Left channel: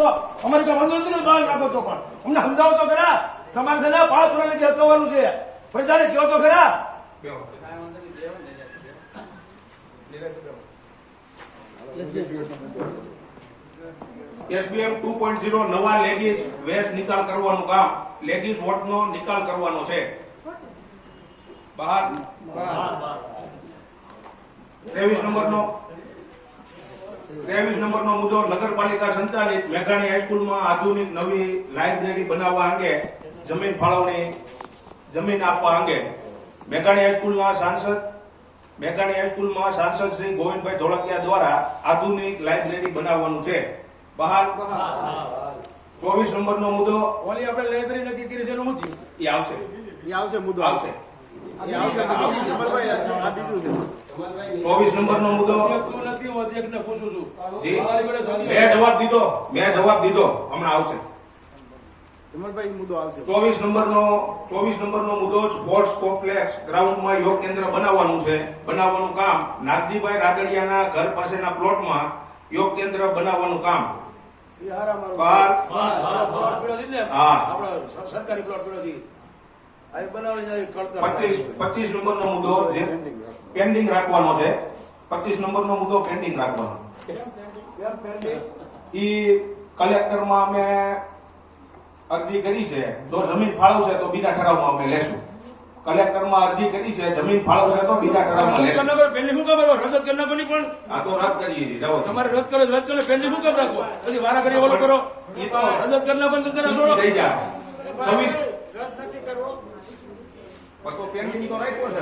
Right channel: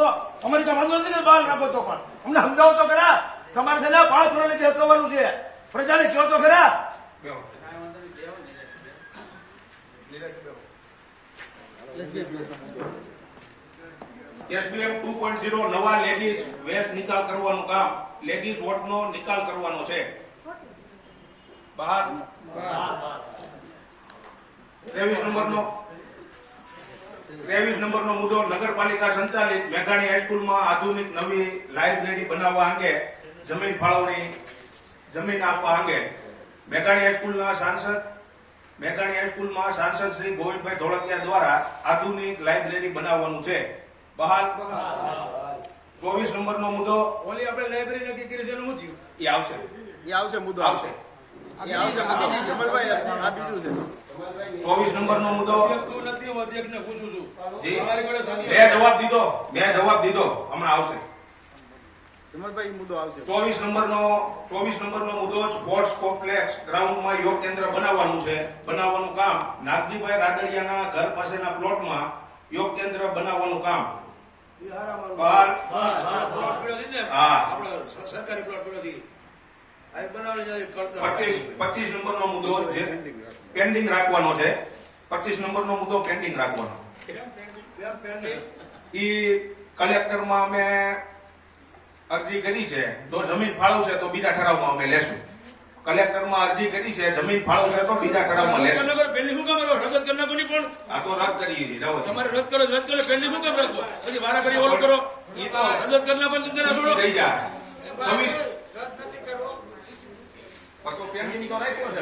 તો અમારે તો વાંધો નથી કે બહાર રાખો તો પણ અમને સમજાવો તો ખરા. તમારે છે ને 5 વર્ષ નથી અટકાવવાનું છે. પ્રજાને કહો તો ખરા. SBM 2.0 નવા લેગીસ વેસ્ટ નિકાલ કરવાનું કામ, લેગીસ વોટનો નિકાલ કરવાનો છે. બહાર 23 નંબરનો મુદ્દો નગરપાલિકા સંચાલિત મેઘાણી હાઈસ્કૂલમાં આધુનિક નવી લાઇબ્રેરી બનાવવા અંગે જમીન ફાળવણી જમીન આપવા અંગે મેઘાણી હાઈસ્કૂલમાં સાંસદ શ્રી ગોવિંદભાઈ ધોળકિયા દ્વારા આધુનિક લાઇબ્રેરી બનાવવાનું છે. બહાલ 24 નંબરનો મુદ્દો ઓલી આપણે લાઇબ્રેરી નક્કી કરી છે એનું શું એ આવશે મુદ્દો આવશે. એ આવશે કમલભાઈ, આ બીજું છે. 24 નંબરનો મુદ્દો નથી હું અધ્યક્ષને પૂછું છું. જી મેં જવાબ દીધો હમણાં આવશે. કમલભાઈ મુદ્દો આવશે. 24 નંબરનો મુદ્દો સ્પોર્ટ્સ કોમ્પ્લેક્સ ગ્રાઉન્ડમાં યોગ કેન્દ્ર બનાવવાનું કામ નાગજીભાઈ રાદડિયાના ઘર પાસેના પ્લોટમાં યોગ કેન્દ્ર બનાવવાનું કામ. સરકારી પ્લોટ પડ્યો 25 નંબરનો મુદ્દો પેન્ડિંગ રાખવાનો છે. 25 નંબરનો મુદ્દો પેન્ડિંગ રાખવાનો. ઈ કલેક્ટરમાં અમે અરજી કરી છે, જો જમીન ફાળવશે તો બીજા ઠરાવમાં અમે લેશું. કલેક્ટરમાં અરજી કરી છે, જમીન ફાળવશે તો બીજા ઠરાવમાં લેશું. પેન્ડિંગ શું કામ રદ કરી નાખવાની પણ આ તો રદ કરીએ છીએ. તમારે રદ કરો પેન્ડિંગ શું કામ રાખો? પછી વારા કરી ઓલું કરો. એ તો રદ કરી નાખવાની તમને છોડો. થઈ જાય 26 તો પેન્ડિંગ તો રાખ્યો છે.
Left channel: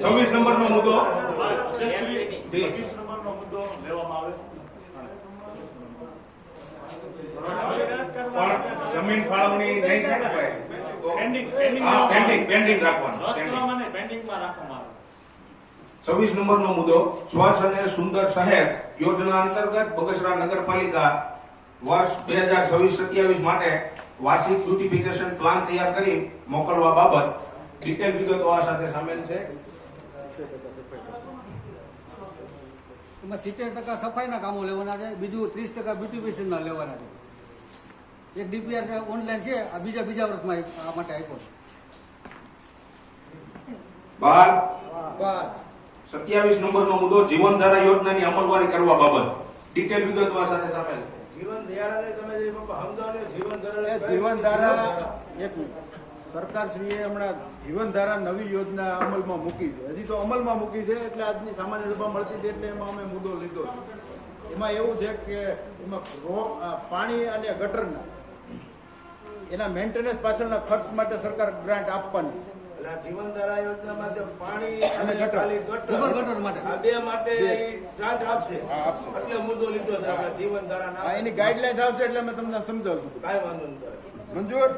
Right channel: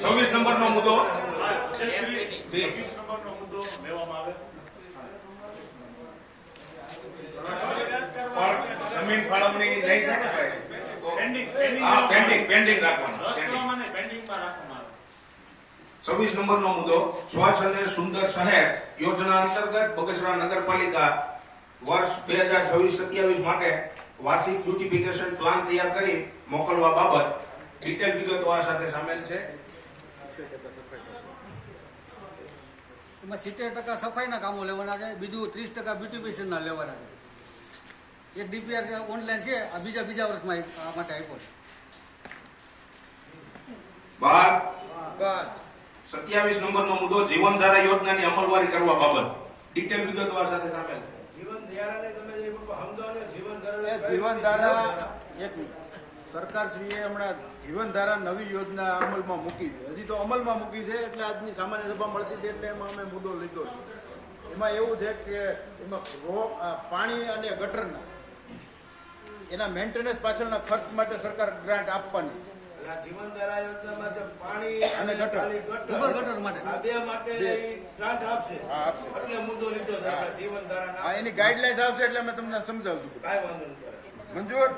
26 નંબરનો મુદ્દો જમીન ફાળવણી નહીં થાય તો પેન્ડિંગ રાખવાનું. 26 નંબરનો મુદ્દો સ્વચ્છ અને સુંદર શહેર યોજના અંતર્ગત બગસરા નગરપાલિકા વર્ષ 2026-27 માટે વાર્ષિક બ્યુટિફિકેશન પ્લાન તૈયાર કરી મોકલવા બાબત ડિટેલ વિગતો આ સાથે સામેલ છે. એમાં 70% સફાઈના કામો લેવાના છે, બીજું 30% બ્યુટિફિકેશનના લેવાના છે. એક ડીપીઆર ઓનલાઈન છે, આ બીજા વર્ષમાં આ માટે આપ્યો છે. 27 નંબરનો મુદ્દો જીવનધારા યોજનાની અમલવારી કરવા બાબત ડિટેલ વિગતો આ સાથે સામેલ છે. જીવનધારા એક સરકારશ્રીએ હમણાં જીવનધારા નવી યોજના અમલમાં મૂકી છે. હજી તો અમલમાં મૂકી છે, એટલે આજની સામાન્ય સભા મળતી છે એટલે એમાં અમે મુદ્દો લીધો છે. એમાં એવું છે કે એમાં પાણી અને ગટરના એના મેન્ટેનન્સ પાછળના ખર્ચ માટે સરકાર ગ્રાન્ટ આપવાની છે. જીવનધારા યોજનામાં પાણી અને ગટર માટે આ બે માટે ગ્રાન્ટ આપશે. આપશે. એટલે મુદ્દો લીધો છે જીવનધારા. હા, એની ગાઈડલાઇન્સ આવશે એટલે અમે તમને સમજાવશું. કાંઈ વાંધો નહીં. મંજૂર.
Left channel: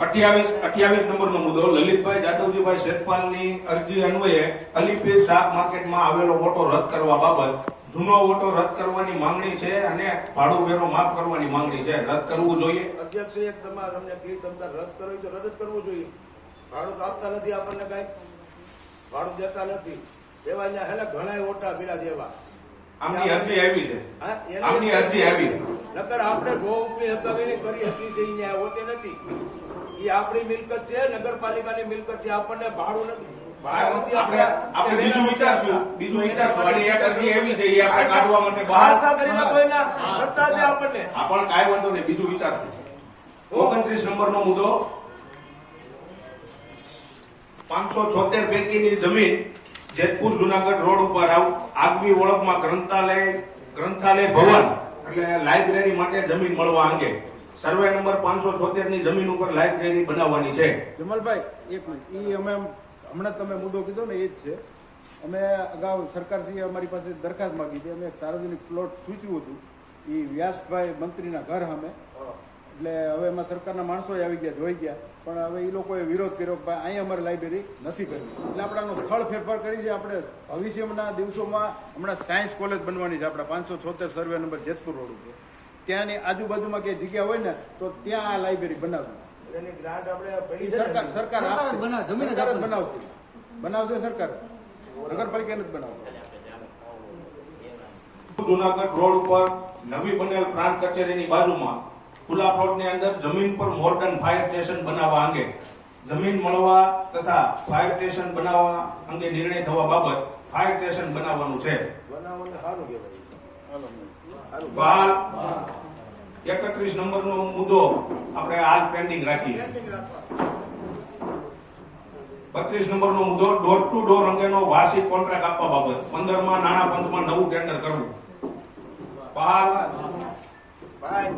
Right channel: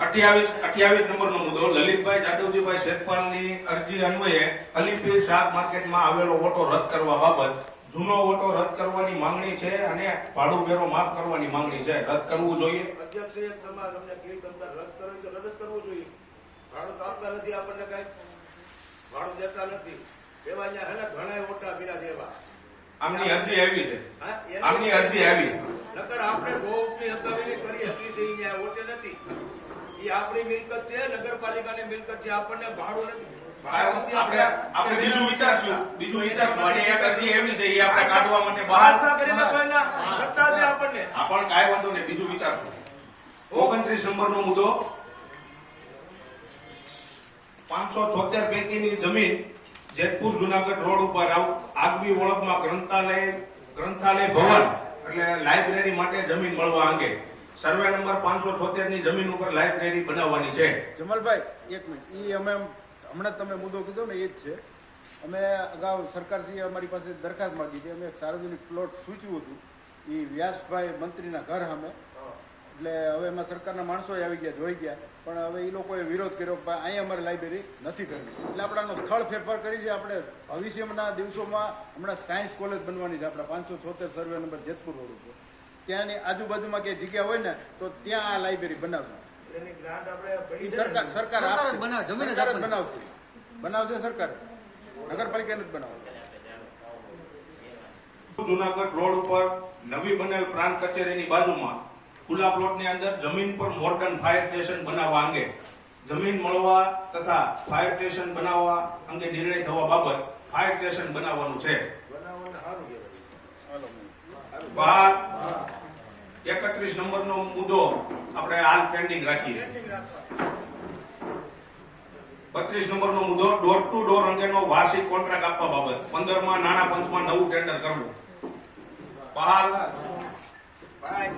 28 નંબરનો મુદ્દો લલિતભાઈ જાદવજીભાઈ શેખપાલની અરજી અન્વયે અલીપીર શાક માર્કેટમાં આવેલો ઓટો રદ કરવા બાબત જૂનો ઓટો રદ કરવાની માંગણી છે અને ભાડું વેરો માફ કરવાની માંગણી છે. રદ કરવું જોઈએ. અધ્યક્ષ તમારે અમને કઈ તમતા રદ કરવું તો રદ જ કરવું જોઈએ. ભાડું તો આપતા નથી, આપણને કઈ ભાડું દેતા નથી. એવા અહીંયા ઘણા ઓટા પીડા જેવા આમની અરજી આવી છે. આમની અરજી આવી નકર આપણે ગોપની હકાવી કરી હતી છે, અહીંયા હોતે નથી. એ આપણી મિલકત છે, નગરપાલિકાની મિલકત છે, આપણને ભાડું નથી. આપણે બીજું વિચારશું. અને એક અરજી એવી છે, એ આપણે કાઢવા માટે બહાર કરીને કોઈના સત્તા છે આપણને. પણ કાંઈ વાંધો નહીં, બીજું વિચારશું. 29 નંબરનો મુદ્દો 576 પૈકીની જમીન જેતપુર જુનાગઢ રોડ ઉપર આગવી ઓળખમાં ગ્રંથાલય ભવન એટલે લાઇબ્રેરી માટે જમીન મળવા અંગે સર્વે નંબર 576 ની જમીન ઉપર લાઇબ્રેરી બનાવવાની છે. જમલભાઈ એક મિનિટ, એ અમે હમણાં તમે મુદ્દો કીધો ને એ જ છે. અમે અગાઉ સરકારશ્રીએ અમારી પાસે દરખાસ્ત માંગી હતી. અમે એક સાર્વજનિક પ્લોટ સૂચ્યું હતું, એ વ્યાસભાઈ મંત્રીના ઘર સામે. એટલે હવે એમાં સરકારના માણસો આવી ગયા, જોઈ ગયા, પણ હવે એ લોકોએ વિરોધ કર્યો કે અહીંયા અમારે લાઇબ્રેરી નથી કરવી. એટલે આપણાનો સ્થળ ફેરફાર કરી છે. આપણે ભવિષ્યના દિવસોમાં હમણાં સાયન્સ કોલેજ બનવાની છે આપણા 576 સર્વે નંબર જેતપુર રોડ ઉપર. ત્યાંની આજુબાજુમાં ક્યાંય જગ્યા હોય ને તો ત્યાં આ લાઇબ્રેરી બનાવવી. સરકાર આપશે, સરકાર જ બનાવશે સરકાર, નગરપાલિકાને જ બનાવશે. જુનાગઢ રોડ ઉપર નવી બનેલ પ્રાંત કચેરીની બાજુમાં ખુલ્લા પ્લોટની અંદર જમીન પર મોડર્ન ફાયર સ્ટેશન બનાવવા અંગે જમીન મળવા તથા ફાયર સ્ટેશન બનાવવા અંગે નિર્ણય થવા બાબત ફાયર સ્ટેશન બનાવવાનું છે. બનાવવાનું સારું કહેવાય. સારું. બહાર 31 નંબરનો મુદ્દો આપણે હાલ પેન્ડિંગ રાખીએ. 32 નંબરનો મુદ્દો ડોર ટુ ડોર અંગેનો વાર્ષિક કોન્ટ્રાક્ટ આપવા બાબત 15માં નાણાં પંચમાં નવું ટેન્ડર કરવું. બહાર ભાઈ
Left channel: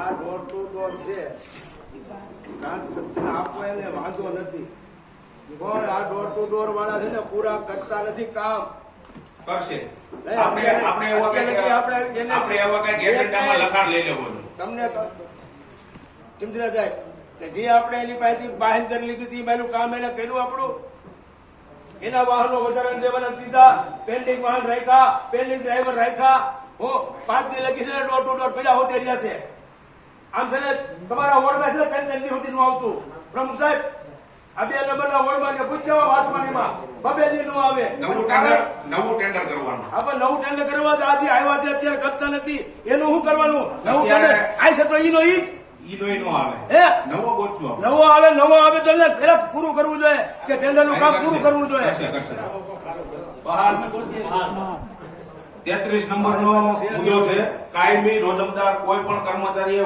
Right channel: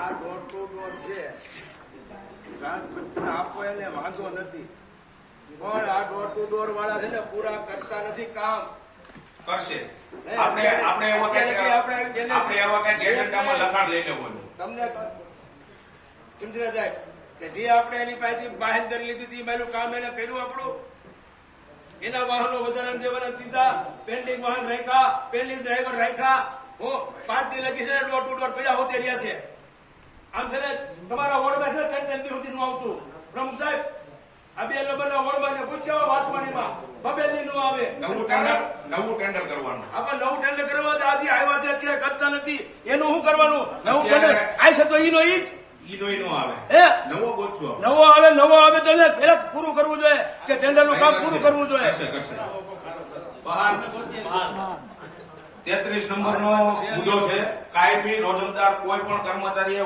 આ ડોર ટુ ડોર છે આપવો એને વાંધો નથી, પણ આ ડોર ટુ ડોર વાળા છે ને પૂરા કરતા નથી કામ. કરશે. આપણે એવા કઈ એજન્ડામાં લખાણ લઈ લેવાનું. તમને ઇન્દ્રા સાહેબ કે જે આપણે એની પાસેથી બાહેંધરી લીધી હતી એ બાજુ કામ એને કર્યું આપણું. એના વાહનો વધારે દેવાના દીધા, પેન્ડિંગ વાહન રાખ્યા, પેન્ડિંગ ડ્રાઈવર રાખ્યા. હું 5 દી લગી છે ને ડોર ટુ ડોર પીડા હોતી રહ્યા છે. આમ છે ને તમારા વોર્ડમાં છે ને 3 દી સુધી નું આવતું. પ્રમુખ સાહેબ આ 2 નંબરના વોર્ડમાં કે પૂછજો વાસવાણીમાં 2 દી નું આવે. નવું ટેન્ડર કરવાનું. આપણે નવું ટેન્ડર કરવા તો આજે આવ્યા છે અત્યારે કરતા નથી. એનું શું કરવાનું? નવું ટેન્ડર આવી છે તો ઈનો ઈ નો આવે. હે નવો ગોઠવો. નવો આવે તો પેલા પૂરું કરવું જોઈએ કે ટેન્ડર નું કામ પૂરું કરવું જોઈએ. કરશે. બહાર 33 નંબરનો મુદ્દો છે કાયમી રોજમદાર કોઈ પણ કર્મચારીએ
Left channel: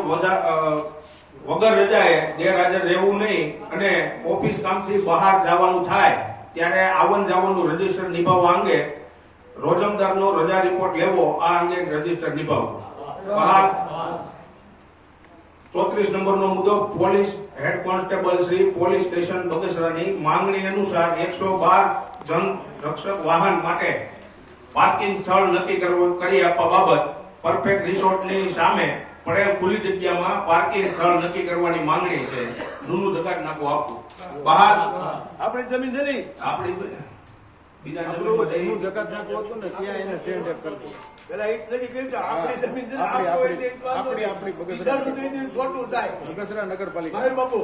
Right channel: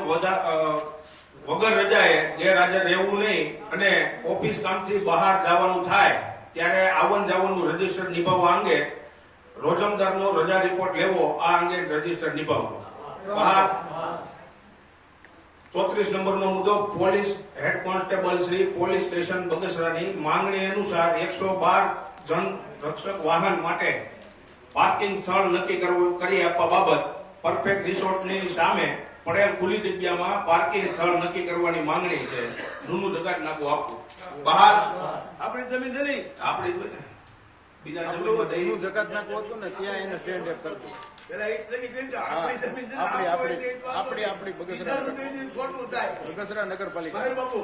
વગર રજાએ ગેરહાજર રહેવું નહીં અને ઓફિસ કામથી બહાર જવાનું થાય ત્યારે આવન જાવનનું રજીસ્ટર નિભાવવા અંગે રોજમદારનો રજા રિપોર્ટ લેવો, આ અંગે રજીસ્ટર નિભાવવું. બહાર 34 નંબરનો મુદ્દો police head constable Shri police station બગસરાની માંગણી અનુસાર 112 જન રક્ષક વાહન માટે પાર્કિંગ સ્થળ નક્કી કરી આપવા બાબત પરફેક્ટ રિસોર્ટની સામે પડેલ ખુલ્લી જગ્યામાં પાર્કિંગ સ્થળ નક્કી કરવાની માંગણી છે. જૂનું જગાટ નાખું આપવું. બહાર આપણી જમીન છે ને આપણી બીજા જમીનમાં જઈ એનું જગત નાખવું હતું ને ત્યાં એને સ્ટેન્ડ અપ કરતું. પેલા એક તરી કહ્યું કે આપણી જમીન છે ને આપણી બગસરા ખોટું થાય. બગસરા નગરપાલિકા મહેર બાપુ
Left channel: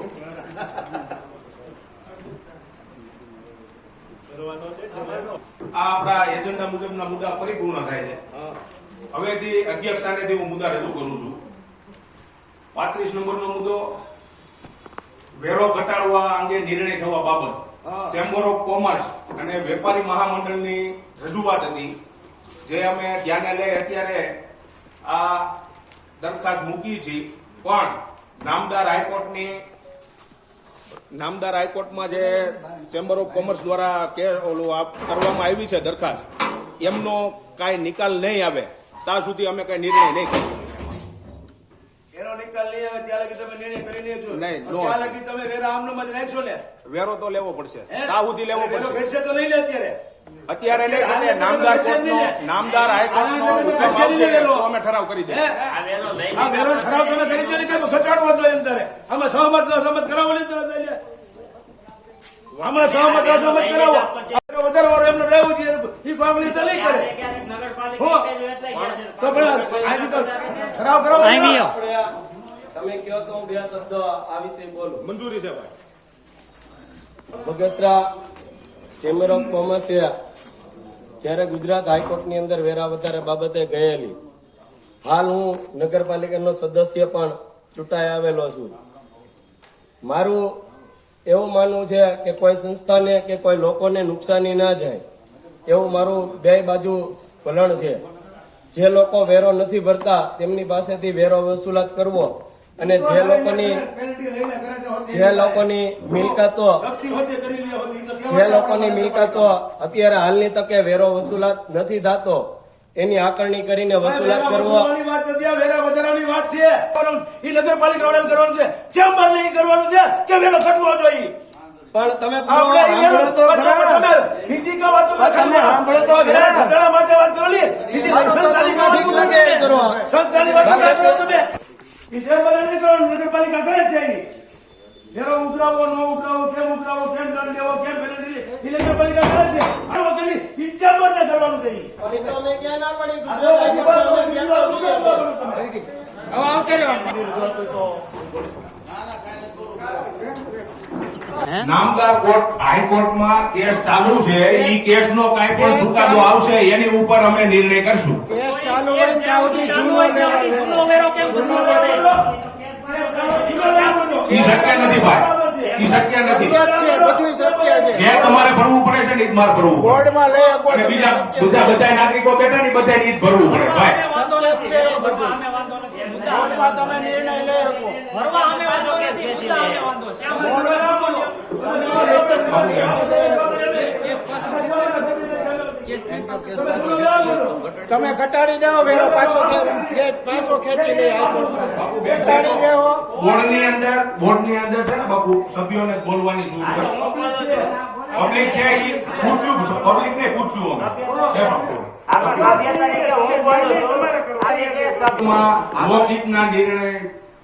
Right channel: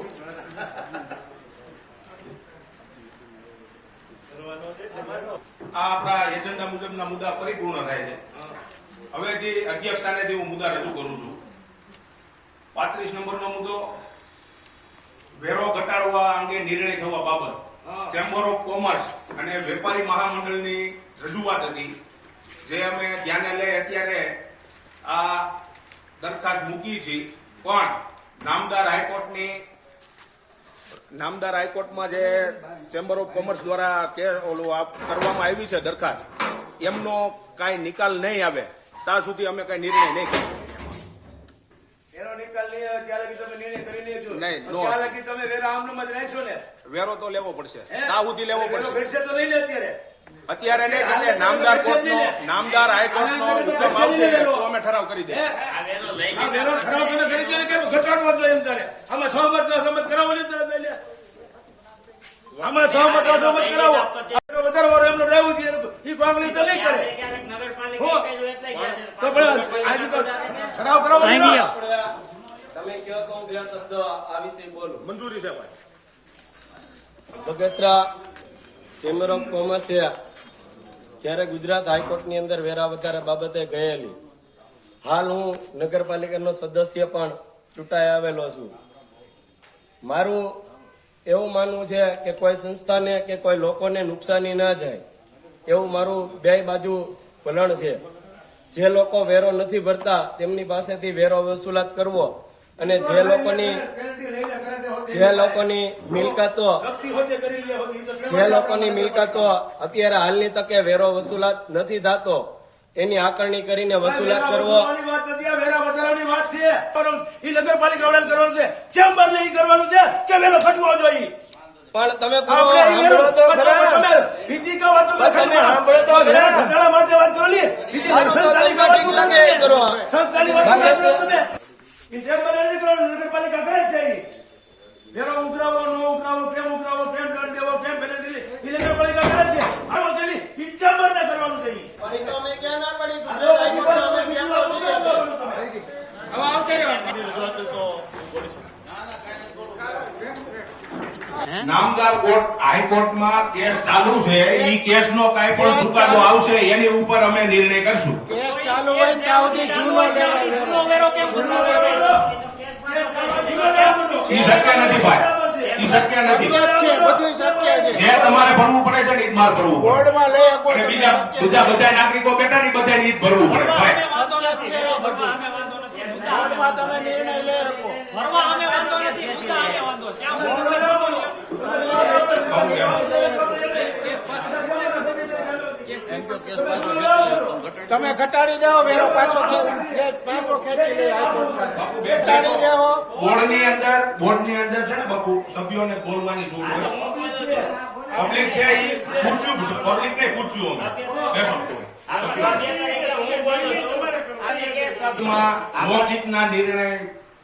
આ આપણા એજન્ડા મુજબના મુદ્દા પરિપૂર્ણ થાય છે. હવેથી અધ્યક્ષ સ્થાનેથી હું મુદ્દા રજૂ કરું છું. 35 નંબરનો મુદ્દો વેરો ઘટાડવા અંગે નિર્ણય થવા બાબત ચેમ્બર ઓફ કોમર્સ અને વેપારી મહામંડળની રજૂઆત હતી, જે અમે ધ્યાને લઈ અત્યારે આ દરખાસ્ત મૂકી છે. પણ નામદાર હાઈકોર્ટમાં જે ચેમ્બર ઓફ કોમર્સ દ્વારા કરવામાં આવી છે દરખાસ્ત, એમનો કાંઈ નિકાલ નહીં આવે ત્યાં સુધી અમે કઈ નિર્ણય નહીં કરીએ. એનો નિકાલ નહીં આવે ત્યાં લગી તમે નિર્ણય કરી લેજો. નહીં, નો. ત્યાં લગી તમે વેરા આમનામાં જ રાખશો ને. વેરો તો લેવો પડશે, ત્યાં સુધી લેવો વેરો પડશે. ઘટશે તો નહીં લે અત્યારે. અત્યારે નહીં, એટલે નામદાર હાઈકોર્ટનો હુકમ આવશે તો અમે ઠરાવ કરી દઈએ. આ વેરો ઠરાવ તમે કરી દો ને કે ઘટાડવો દો એમ તારે. આમાં સહમત કરાવો ને તારે લઈ લે. આમાં સહમત કરાવો. વધારે વારો એમનો રહેવું જોઈએ એ માંગણી તો નહીં કરે. તો પણ આજે તો ઠરાવ કરાવો ને. તમે કહો તો હું 2 શબ્દ આ વિશે બોલું. મંજૂરી છે ભાઈ. બગસરા ચેમ્બર ઓફ કોમર્સે જ્યારે ગુજરાત હાઈકોર્ટની અંદર વેરા વધારે બાબતે ગયેલી, હાલ હું નગરપાલિકાનો સદસ્ય પણ ચૂંટાઈ આવેલો છું. મારું એવું માનવું છે કે કોઈ સંસ્થાને કે કોઈ લોકોને નુકસાની ના જાય એવું મારું 2 બાજુ વલણ છે. જે લોકો વેરો નથી ભરતા તેમની પાસેથી વેરો વસૂલાત કરવો અને જે લોકોની મિલકતો અત્યારે હાલની તકે વેરો વસૂલાત નથી થતો એની આકરણી કરીને વસૂલાત કરવો. વેરા વધારાની વાત છે એ નગરપાલિકા વાળાને કરવાનું છે, ચેમ્બર નહીં કરવાનું છે કે વેરો ઘટવો જોઈએ. પણ તમે આપણે એ વેરો તમે બીજી કા વાતો વેરા ઘટાડા માટે વાત કરો ને, બીજી સંસ્થાની કા વાત કરો. સંસ્થાની વાત કરો તમે. એ ચેમ્બર નહીં કરવાનું, નગરપાલિકા કરે છે. વેરો ઉતરાવો ન ઉતરાવો, કેમ દંડ દેવો, કેમ પેનલ્ટી એ નગરપાલિકા કરે છે. આવો કરી એ ચેમ્બર ને કરવાનું છે. નામદાર હાઈકોર્ટમાં કેસ ચાલુ છે. એ કેસનો કાંઈ પણ ચુકાદો આવશે એની ઉપર અમે નિર્ણય કરશું. કેસ ચાલુ ચાલુ હોય ને ત્યાં સુધી જૂનો લેવાય જૂનો વેરો કેમ જૂનો વેરો ઈ શક્ય નથી ભાઈ, ઈ શક્ય નથી. શક્ય જ છે, બધું શક્ય છે. જે તમારે ભરવું પડે છે ને ઈ જ મારે ભરવું પડે. બોર્ડમાં લઈ શકો અને તમે, બીજા શક્ય છે. બધા નાગરિકો બેઠા ને બધા ઈ જ ભરવું પડે ભાઈ. વાંધો નથી છે એ બધું. અમે વાંધો નથી બોર્ડમાં તમે નિર્ણય લઈ શકો. ભરવા અમે વાંધો નથી મુદ્દા અમે વાંધો છે આમાં બોર્ડમાં બોલો. તમે મિટિંગમાં નિર્ણય લઈ શકો. તમે ઘટાડી દેવો વેરો, પાછો ખેંચી લે હાઈકોર્ટ. ઘટાડી દેવો. બોર્ડની અંદર છે ને બાપુ સભ્યોને બોલવાની છૂટ હોય. પબ્લિક છે ઈ પૂછ્યું, પબ્લિક ને પૂછ્યું અમે. બેસો. સભ્ય તરીકે હું બોલું છું આજે કે સભ્યમાં લોકહિતના નિર્ણય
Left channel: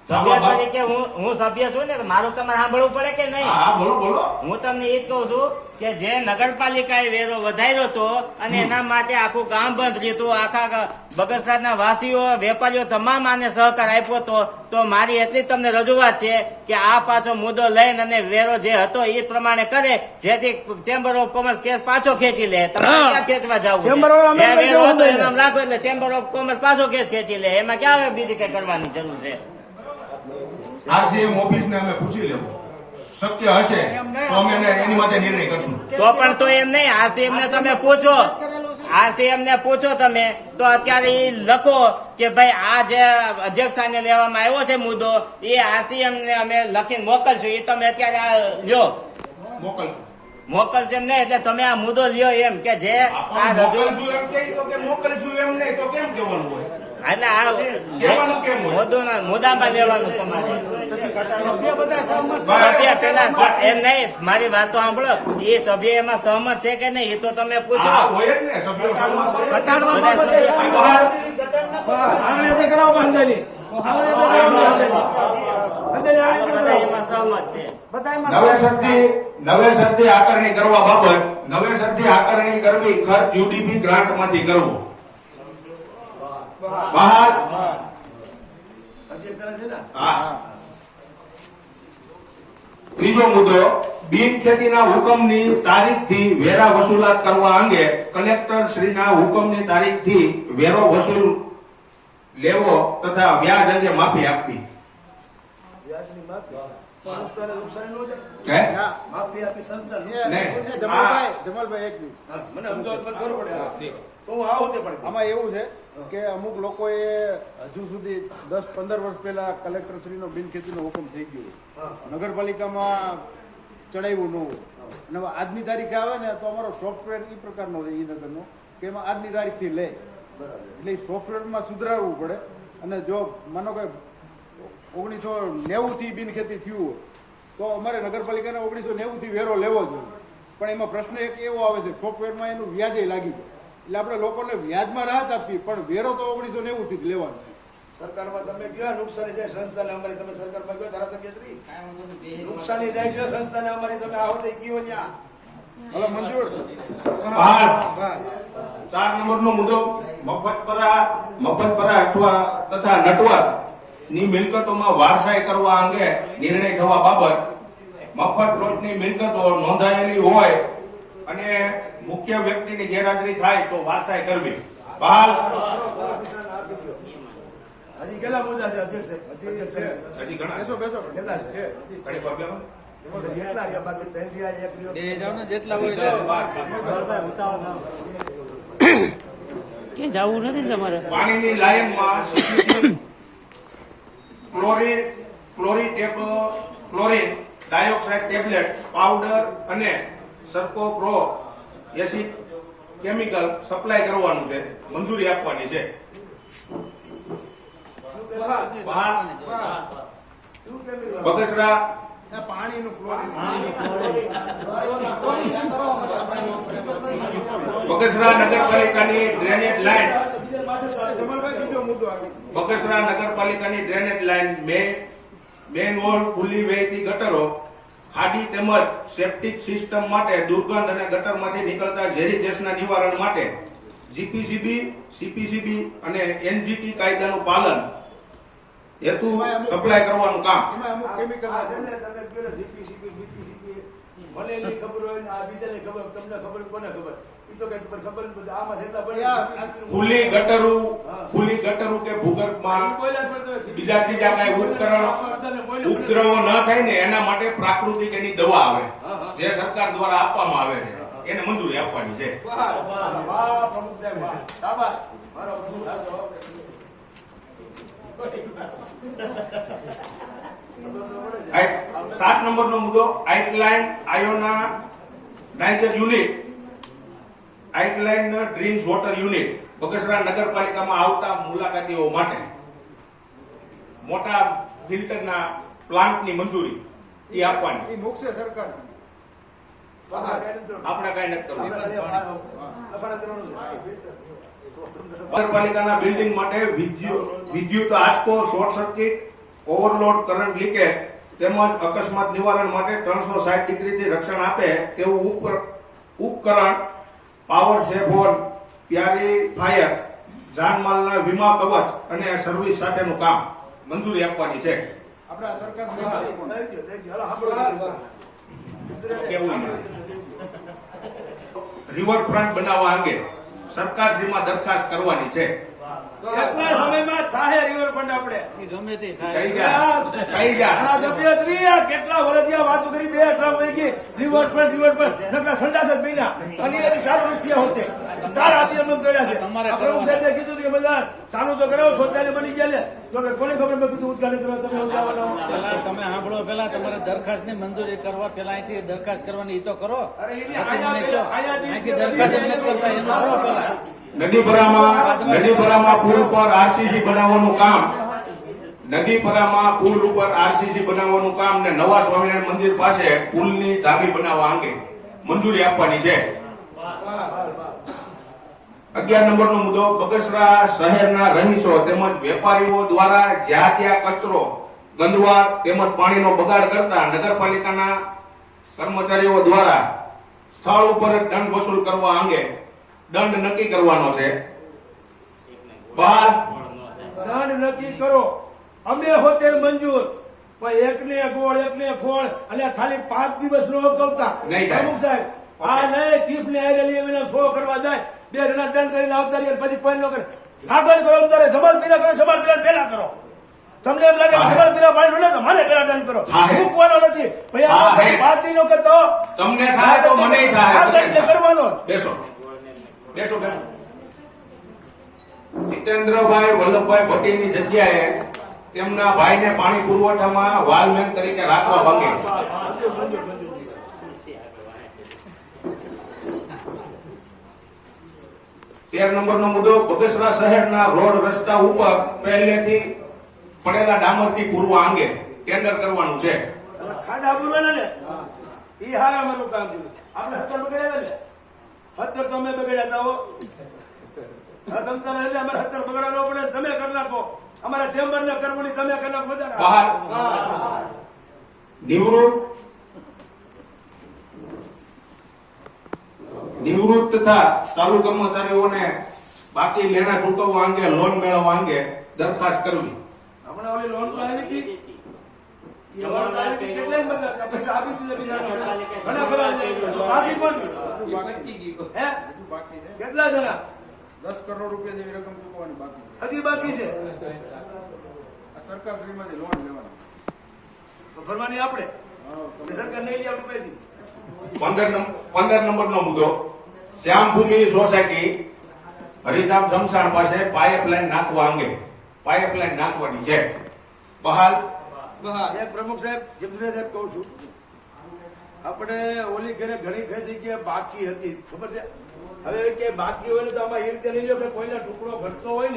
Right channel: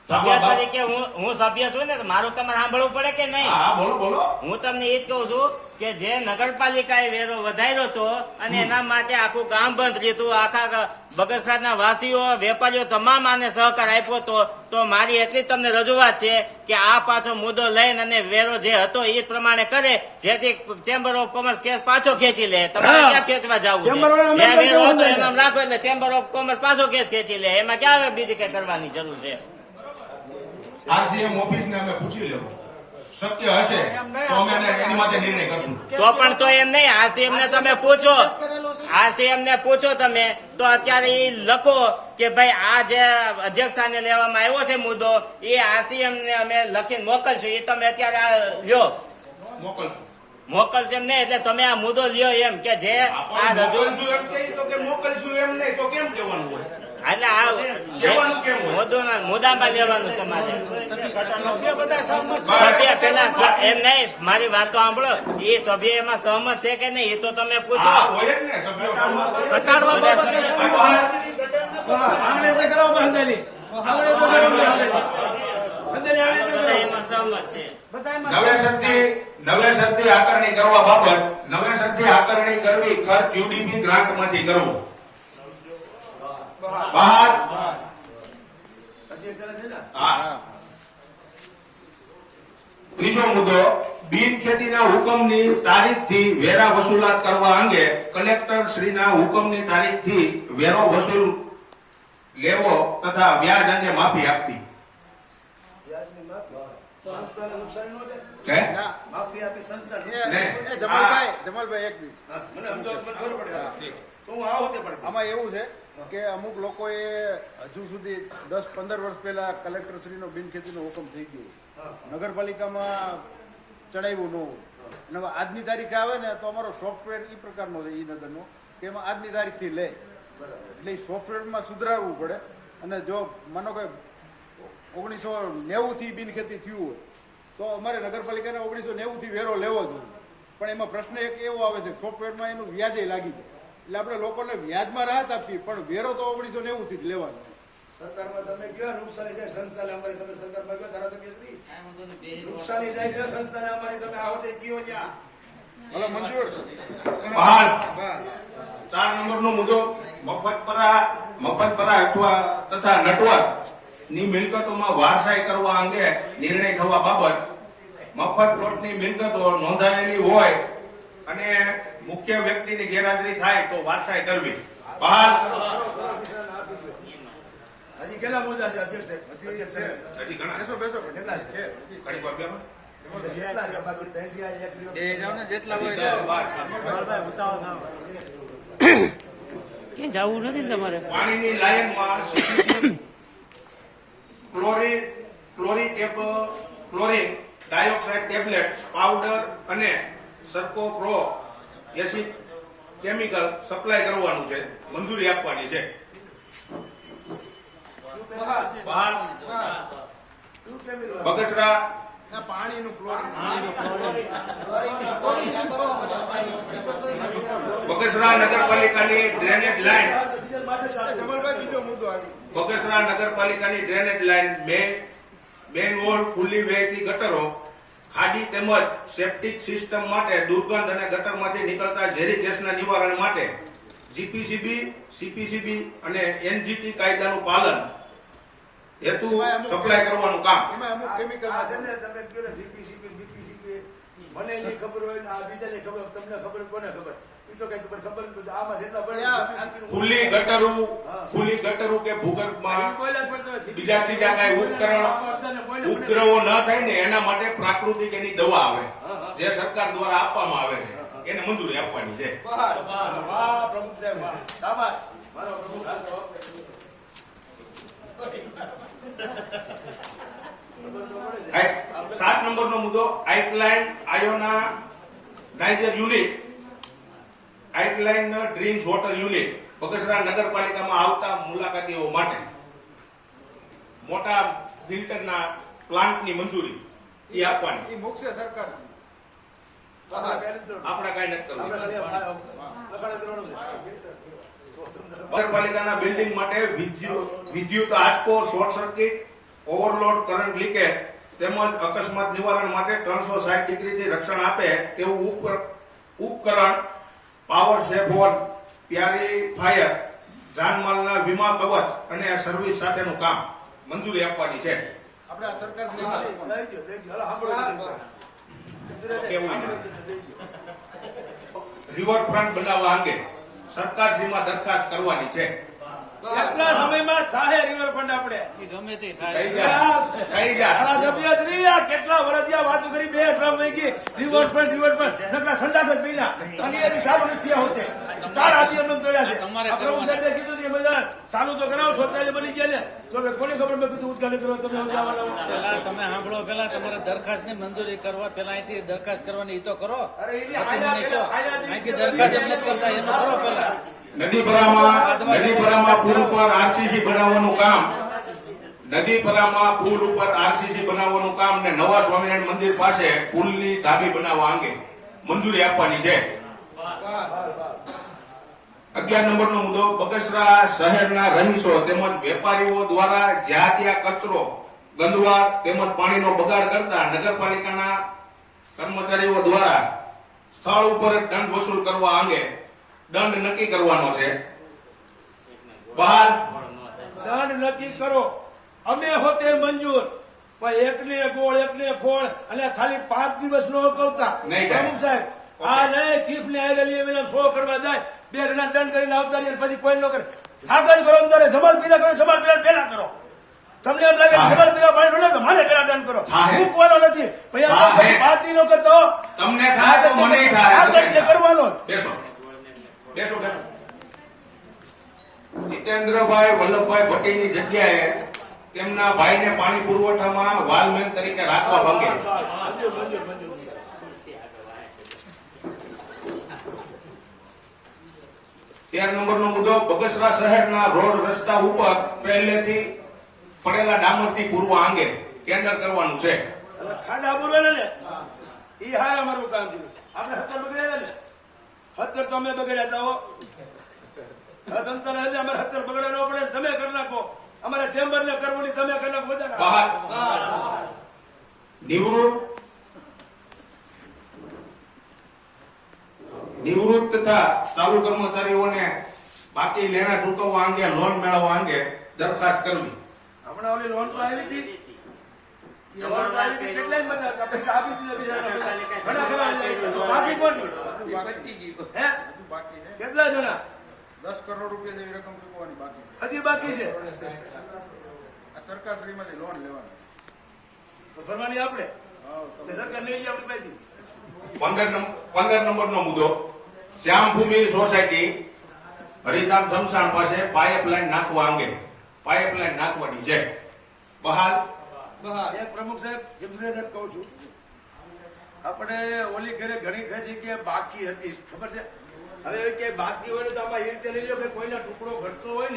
સભ્ય તરીકે હું સભ્ય છું ને તો મારું તમારે સાંભળવું પડે કે નહીં? હા બોલો બોલો. હું તમને એ જ કહું છું કે જે નગરપાલિકાએ વેરો વધાર્યો હતો અને એના માટે આખું ગામ બંધ રહ્યું હતું, આખા બગસરાના વાસીઓ વેપારીઓ તમામ આને સહકાર આપ્યો હતો. તો મારી એટલી જ તમને રજૂઆત છે કે આ પાછો મુદ્દો લઈને અને વેરો જે હતો એ જ પ્રમાણે કરે, જેથી ચેમ્બર ઓફ કોમર્સ કેસ પાછો ખેંચી લે. તમારે ક્યાં ખેંચવા જવું છે? જે વેરો હતો એમ રાખો એટલે ચેમ્બર ઓફ કોમર્સ પાછો કેસ ખેંચી લે. એમાં ક્યાં બીજી કઈ કરવાની જરૂર છે? આરસીએમ ઓફિસને અમે પૂછી લેવું, શક્ય હશે તો અમે એની માટે નિર્ણય કરશું. તો પણ તો એમ નહીં, આરસીએમ ને તમે પૂછો, આરસીએમ ને પૂછો તમે તો અત્યારે એ લખો કે ભાઈ આ જે અધ્યક્ષ સ્થાને લેવામાં આવ્યો છે મુદ્દો એ આરસીએમ ને અમે લખીને મોકલશું. એ તમે અત્યારે આ લ્યો, મોકલશું. મોકલશે એમ નહીં એટલે તમે આ મુદ્દો લ્યો એમ કે જે આ રજૂ મોકલશું એમ કહે તો કે મોકલશું એમ નહીં તો કેમ કહેવાનું હોય? એટલે આ મુદ્દામાં લેવાનું તમારે. સભ્ય પેલા એમ નહીં, મારી વાત તો સાંભળો, એ સભ્ય એમાં સહમત છે કે નહીં એ તો તમે પૂછો. હા, હોય જ ને, સભ્યો સહમત હોય. આંગળી તો કરાવો બાંધેલી. આંગળી તો કરાવો બાંધેલી. બધા એમાં સહમત છે. નવેસરથી આકારણી કરવા બાબત નવેસરથી આકારણી કરવી ખર્ચ યુડીપી ગ્રાન્ટમાંથી કરવું. બહાર હજી એક તરફ છે ને હા. ત્રીજો મુદ્દો, બિનખેતીના હુકમની તારીખથી વેરા વસૂલાત કરવા અંગે કલેક્ટર શ્રીના હુકમની તારીખથી વેરો વસૂલ લેવો તથા વ્યાજ અંગે માફી આપવી. વ્યાજની માફી. સંસ્થાને નુકસાન ન થાય. હે? માફી આપી સંસ્થા નહીં. જમાલભાઈ એક મિનિટ. મને સમજાવવા મને ખબર પડે તો હું આવું તે પડે. આમાં એવું છે કે અમુક લોકોએ હજુ સુધી 10-15 વર્ષ પહેલા કલેક્ટરશ્રીનો બિનખેતીનો હુકમ થઈ ગયો, નગરપાલિકામાં ચડાવ્યું ન હોય અને હવે આજની તારીખે આવે ને તો અમારો સોફ્ટવેર એ પ્રકારનો છે ઈ નગરનો કે એમાં આજની તારીખથી લે, એટલે એ સોફ્ટવેરમાં સુધારવું પડે. અને જો માનો કે 1990 થી બિનખેતી થયું હોય તો અમારે નગરપાલિકાને 1990 થી વેરો લેવો જોઈએ, પણ એમાં પ્રશ્ન એક એવો આવે છે સોફ્ટવેરમાં એનું વ્યાજે લાગી જાય, એટલે આપણે લોકોને વ્યાજમાં રાહત આપીએ પણ વેરો તો 1990 થી જ લેવાનો. સરકારમાં તમે ગયો નુકસાની જાય સંસ્થાને અમારી, તમે સરકારમાં ગયો ધારાસભ્યશ્રી નુકસાની જાય છે સંસ્થાને અમારી, તમે આવતે ગયો ત્યાં. હલો મંજૂર. બહાર 4 નંબરનો મુદ્દો, મફતપરા અથવા તથા નટવર ની મિલકતોમાં વારસાઈ કરવા અંગે નિર્ણય થવા બાબત મફત પ્લોટની મિલકતો નોંધાયેલી હોય અને મુખ્ય વ્યક્તિની ગેરહાજરી થાય તો વારસાઈ કરવી. બહાર હજી કેટલા મુદ્દા છે અધ્યક્ષ? હજી ઘણા બેસો બેસો. કેટલા છે? કઈ વાર બેહો. કેટલા છે? બાકી ત્રણ રહ્યા, એક રહ્યો. એ જાવ ને જેટલા હોય એટલા. ક્યાં જવું નથી ને તમારે? પાણીની લાયનમાં ક્લોરીન ડાયોક્સાઇડ ટેબ્લેટ પાવડર અને સરકો પ્રો એસિડ કેમિકલ સપ્લાય કરવાનું છે, મંજૂરી આપવાની છે. બહાર બગસરા પાણીનું ક્લોરીન બગસરા નગરપાલિકાની ડ્રેનેજ લાઇન જમાલભાઈ બીજો મુદ્દો આવી. બગસરા નગરપાલિકાની ડ્રેનેજ લાઇન મેન વોલ ખુલ્લી વહેતી ગટરો ખાડી તેમજ સેપ્ટિક સિસ્ટમ માટે દુર્ગંધ અને ગટરમાંથી નીકળતા ઝેરી ગેસના નિવારણ માટે જીપીસીબી, સીપીસીબી અને એનજીટી કાયદાનું પાલન હેતુ સપ્લાય કરવાનું કામ. એમાં અમુક કેમિકલ આ છે ને તમે કહ્યું ને DPCP, BPCP, મને નહીં ખબર હોય ને આ બીજાને ખબર, તમને ખબર હોય, કોને ખબર? એ ઈ તો કઈ ખબર જ નથી. આમાં જેટલા ખુલ્લી ગટરું કે ભૂગર્ભમાં બીજા કઈ ઉપદ્રવો ન થાય ને એના માટે પ્રાકૃતિક એની દવા આવે જે સરકાર દ્વારા આપવામાં આવે છે એને મંજૂરી આપવાની છે. વાહ પ્રમુખ સાહેબ વાહ. શાબાશ. મારો પ્રમુખ આ જવાબ. 7 નંબરનો મુદ્દો alkaline ionizer unit alkaline drinks water unit Bagasara નગરપાલિકામાં આવતા મુલાકાતીઓ માટે મોટા ફિલ્ટરના પ્લાન્ટની મંજૂરી એ આપવાની. એ મુકશે સરકાર. આપણે કઈ નથી કરવું. લખાણ કરવાનું છે. નગરપાલિકાના બિલ્ડિંગ માટે વિદ્યુત આંચકો, short circuit, overload current leakage તેમજ અકસ્માત નિવારણ માટે 360 ડિગ્રીથી રક્ષણ આપે તેવું ઉપકરણ પાવર સેફોન, પ્યારીફાયર, જાનમાલના વીમા કવચ અને સર્વિસ સાથેનું કામ મંજૂરી આપવાની છે. આપણે આ સરકાર થઈ ગયો, થઈ ગયો. હાલો, સાંભળો. કેવું નહીં. રિવરફ્રન્ટ બનાવવા અંગે સરકારશ્રીમાં દરખાસ્ત કરવાની છે. કેટલા સમયમાં થાય રિવરફ્રન્ટ આપણે? ગમે તે થઈ જાય. ધારાસભ્યશ્રી આ કેટલા વર્ષથી આ વાતો કરી, 2 ટ્રમ વહી ગઈ. રિવરફ્રન્ટ નકલા સંડાસ જ બન્યા અને એની ચાલુ નથી થયા હોતે. તાર આથી અમે ચડ્યા છે. આ પ્રમુખ સાહેબે કીધું કે મજા ચાલુ તો કરાવો, શૌચાલય બની ગયા ને તો કે કોને ખબર મેં કીધું ઉદ્ઘાટન કરવા તમે આવવાના હો. પેલા તમે સાંભળો, પેલા તમારે દરખાસ્ત ની મંજૂરી કરવા પેલા અહીંથી દરખાસ્ત કરવાની ઈ તો કરો, પછી મને કહો. અહીંથી દરખાસ્ત જ નથી કરતા એનું કરો પેલા. નદીપરામાં પુલ ઉપર આરસીસી બનાવવાનું કામ બનાવવાનું કામ ને નવા સ્વામિનારાયણ મંદિર પાસે પુલની ધાબી બનાવવા અંગે મંજૂરી આપવાની છે. 11 નંબરનો મુદ્દો બગસરા શહેરના રહીશો તેમજ વેપારીઓ દ્વારા જ્યાં ત્યાં કચરો, ગંદવાડ તેમજ પાણીનો બગાડ કરતા નગરપાલિકાના કર્મચારીઓ દ્વારા સ્થળ ઉપર જ દંડ વસૂલ કરવા અંગે દંડ નક્કી કરવાનો છે. બહાર દંડ નક્કી કરો. અમે હોતે મંજૂર, પણ એકને ગોળ અને ખાલી 5 દિવસ નો અગાઉતા નહીં થાય. પ્રમુખ સાહેબ આ નહીં ચીફ ને આવેલી એમને 100 કરવા જાય, 2 ગણા દંડ કરીને આવતા રહીએ, પછી કોઈ નો કરે. આગળ કરો અંદર જમાલ પીરા કરો, જમાલ પીરા પેલા કરો. તમને એમ લાગે જમાલ પીરા પાણી મળે તો મારે પેલા દંડ કરો. હું કોનો નથી પછી 5 દિનો કરતો તમને થાય તો મને થાય. આગળ કરવાનો બેસો. જીતેન્દ્રભાઈ વલ્લભભાઈ ભટ્ટીની જગ્યાએ તેમના ભાઈને પાણી પુરવઠામાં વાલમેન તરીકે રાખવા માંગે. મંજૂર. 13 નંબરનો મુદ્દો બગસરા શહેરના રોડ રસ્તા ઉપર પહેલેથી પડેલા ડામરથી પૂરવા અંગે ટેન્ડર કરવાનું છે. ખાડા બોલવાના ને એ હારા મારું કામ થયું. આપણે 70 બગડ્યા ને 70 તો અમે બગડ્યા હતા હો. તમ તારે એટલે અમારે 70 બગડવાનો પડે, તમે કરી નાખો. અમારા ચેમ્બર ને કરવું નહીં, તમે કરી નાખો. વધારે બહાર નિવૃત્ત તથા ચાલુ કર્મચારીઓને બાકી લેણા ચૂકવવા અંગે લોન મેળવવા અંગે દરખાસ્ત કરવી. હમણાં ઓલી લોન તો આવી હતી. લોન તો આવી હતી, કેટલાય બધા પૈસા આપી દીધા બીજાને. ઘણા ઘણા બાકી કોણ? હે? બાકી છે. કેટલા જણા? 10 કરોડ રૂપિયા જેવી રકમ ચૂકવવાની બાકી છે. હજી બાકી છે. આ સરકાર શ્રીમાંથી લોન લેવાની. તો ભરવાની આપણે સરકાર નહીં લે આપણી પાસેથી. 15 નંબરનો મુદ્દો શ્યામભૂમિ સોસાયટી હરિધામ શમશાન પાસે પાઇપલાઇન નાખવાની છે. બહાર એક પ્રમુખ સાહેબ જમશેદ સાહેબ કહું છું, આપણે ઓલી ઘરે ઘણી જગ્યાએ બાકી હતી, ખબર છે? હવે કે બાકી હોય ને તો આમાં એ રીતે લઈ લો કે કોઈનો ટુકડો ઘટતો હોય ને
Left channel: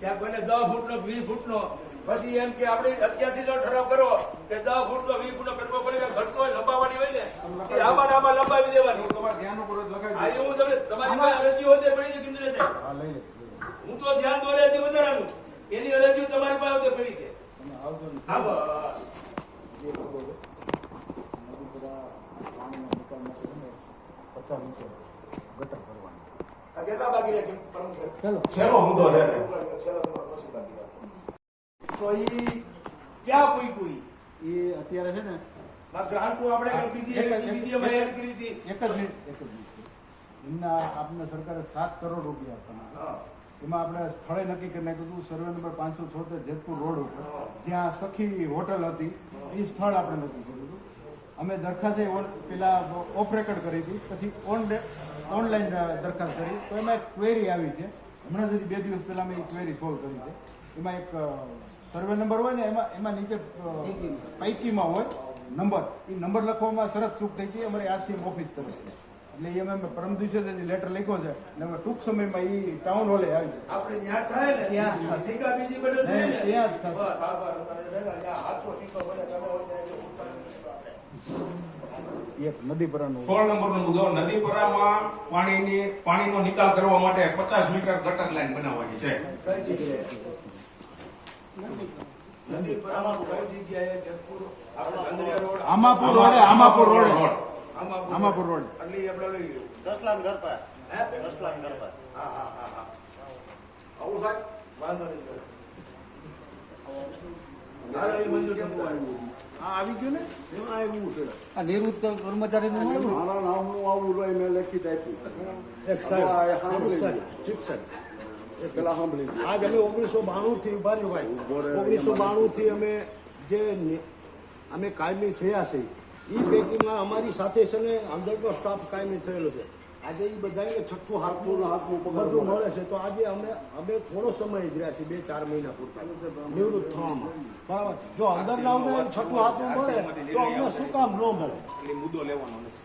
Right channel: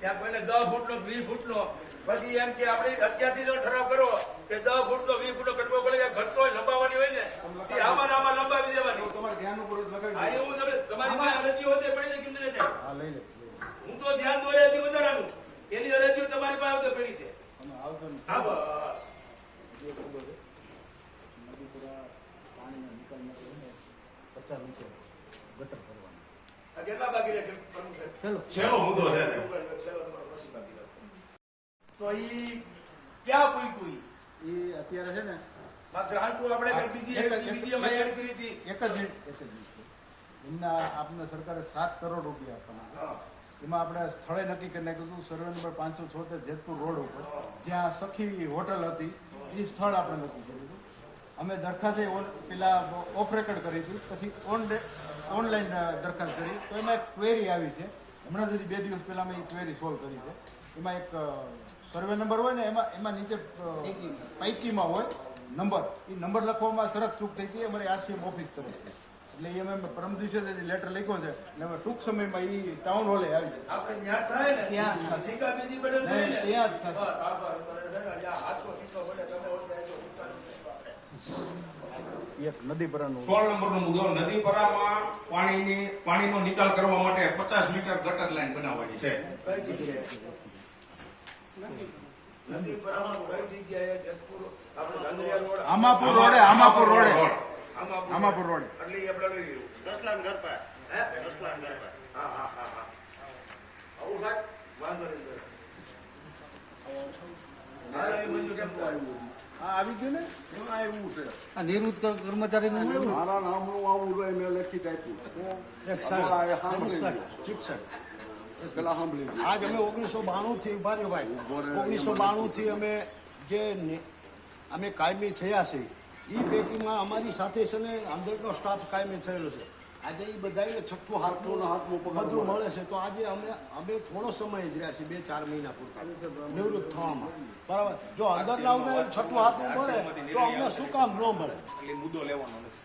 ત્યાં કોઈને 10 ફૂટનો 20 ફૂટનો, પછી એમ કે આપણે અત્યારથી જો ઠરાવ કરો કે 10 ફૂટનો 20 ફૂટનો કટકો પડે ઘટતો હોય લંબાવવાની હોય ને એ આમાં લંબાવી દેવાની. તમારે ધ્યાનપૂર્વક લગાવી આ એવું તમારી પાસે અરજી હોય તો પડી કેમ રહે છે? હા, લઈ લે. હું તો ધ્યાન દોરે હજી વધારાનું એની અરજી તમારી પાસે તો પડી છે. તમે આવજો ને. હા બસ. નદીપુરા પાણીના નિકાલ માટે 50 મીટર ગટર કરવાના. આ કેટલા બાકી રહે પ્રમુખ સાહેબ? છેલ્લો મુદ્દો છે. તો ઈ ક્યાં કોઈ એ અત્યારે છે ને ગ્રાન્ટો આપણે કઈ બીજી અમે એડ કરી હતી. એક જ મિનિટ એમના આપને સરકારે 7 કરોડ રૂપિયા આપવાના છે. એમાં આપણે સ્થળે નક્કી કરી નાખ્યું હતું સર્વે નંબર 576 જેતપુર રોડ ઉપર જ્યાં સખી હોટલ હતી એ સ્થળ આપણે નક્કી કર્યું હતું. અમે દરખાસ્ત પેલા ઓફ રેકોર્ડ કરી હતી, પછી ઓનલાઈન દરખાસ્ત કરી તો એમાં એક ક્વેરી આવી છે. હમણાં જ 2 દિવસ પહેલાં મેં એ ક્વેરી સોલ્વ કરી છે. એમાં એક સર્વે નંબર હોય ને એમાં નીચે પૈકીમાં હોય નંબર, એ નંબર લખવામાં સરસ ચૂક થઈ હતી અમારી RCM ઓફિસ તરફથી. એટલે એ અમે પરમ દિવસે લેટર લખ્યો છે અને અમે ટૂંક સમયમાં એ ટાઉન હોલે આવી જશે. આપણે જ્યાં થાય ને ત્યાં થશે. ટીકા બીજી બધું જોઈએ નહીં, ને. ત્યાં જ થશે. બસ, આભાર. ત્યાં 800 ટીકા વડે તમે એક નદી પરનું 16 નંબરનો મુદ્દો, નદીપરામાં પાણીનો નિકાલ કરવા માટે 50 મીટર ગટર લાઈન બનાવવાની છે. કઈ જગ્યાએ? નદી પર કઈ જગ્યાએ? જેતપુર આપણે ગંદરિયા રોડ, આમાપુર રોડે આમાપુર રોડે આમાં આમાપુર રોડે એટલે ઈ આપણે લઈ લીધું. હે? હા. આવું થાય? વાંધો નહીં. હાલો, એ મંજૂર કેમ થાય? આ આવી ગયું ને એમાં આવ્યું છે. આ નિવૃત્ત કર્મચારીનું આવ્યું. આજ અમે 1992 થી ઉભા રહ્યું ભાઈ 1992 થી અમે કાયમી થયા છે. એ પૈકીમાં અમારી સાથે છે ને અંદરનો સ્ટાફ કાયમી થયેલો છે. આજે એ બધાને છઠ્ઠું હાથનું બધું મળે છે. તો આજે અમે થોડો સમય જ રહ્યા છીએ, 2-4 મહિના પૂરતા નિવૃત્ત થવામાં. બરાબર, જો અંદરના અમને છઠ્ઠું હાથનું મળે તો અમને શું કામ ન મળે? એટલે મુદ્દો લેવાનો નથી.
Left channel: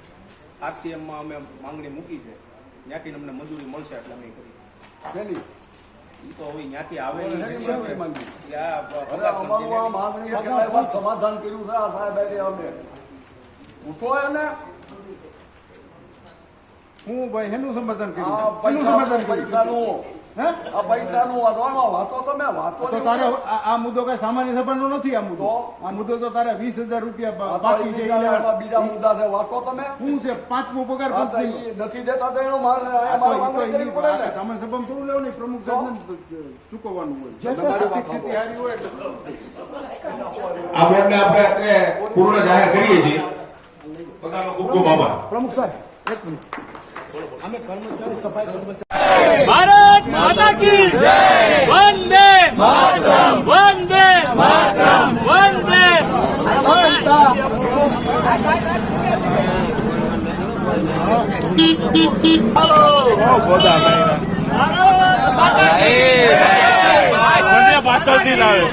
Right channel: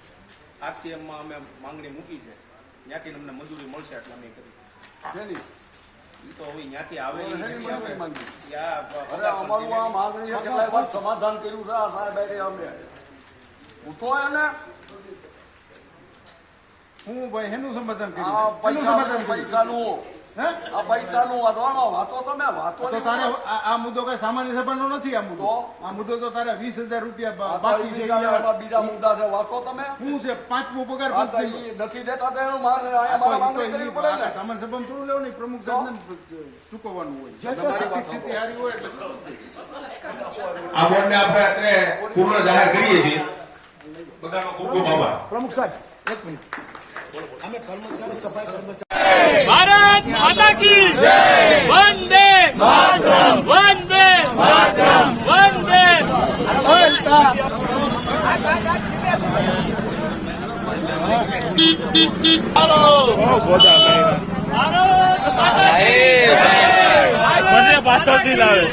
RCM માં અમે માંગણી મૂકી છે, ત્યાંથી અમને મંજૂરી મળશે એટલે અમે કરી. ઈ તો હવે ત્યાંથી આવે ઈ હિસાબે. યા પગાર સમાધાન કર્યું છે આ સાહેબ અમને ઉઠો એને હું ભાઈ એનું સમાધાન કર્યું. એનું સમાધાન કર્યું. પૈસાનું હે? આ પૈસાનું વાંધવાનો વાતો તમે વાતો તો તારે આ મુદ્દો કઈ સામાન્ય સભાનો નથી. આ મુદ્દો તો તારે 20,000 રૂપિયા બાકી છે. બીજા મુદ્દા છે વાતો તમે શું છે 5મો પગાર આ પંચ તો ઈ નથી દેતા તો એનું અહીંયા મારે માંગણી કરવી પડે ને. સામાન્ય સભામાં થોડું લેવાનું, પ્રમુખ સાહેબને ચૂકવવાનું હોય. જે તે આર્થિક સ્થિતિ સારી હોય એટલે આ બોર્ડને આપણે એટલે પૂર્ણ જાહેર કરીએ છીએ. બધાનો ખૂબ ખૂબ આભાર. પ્રમુખ સાહેબ એક મિનિટ અમે કર્મચારી સફાઈ કર્મચારી ભારત માતા કી જય, વંદે માતરમ, વંદે માતરમ, વંદે પાછળથી લાવે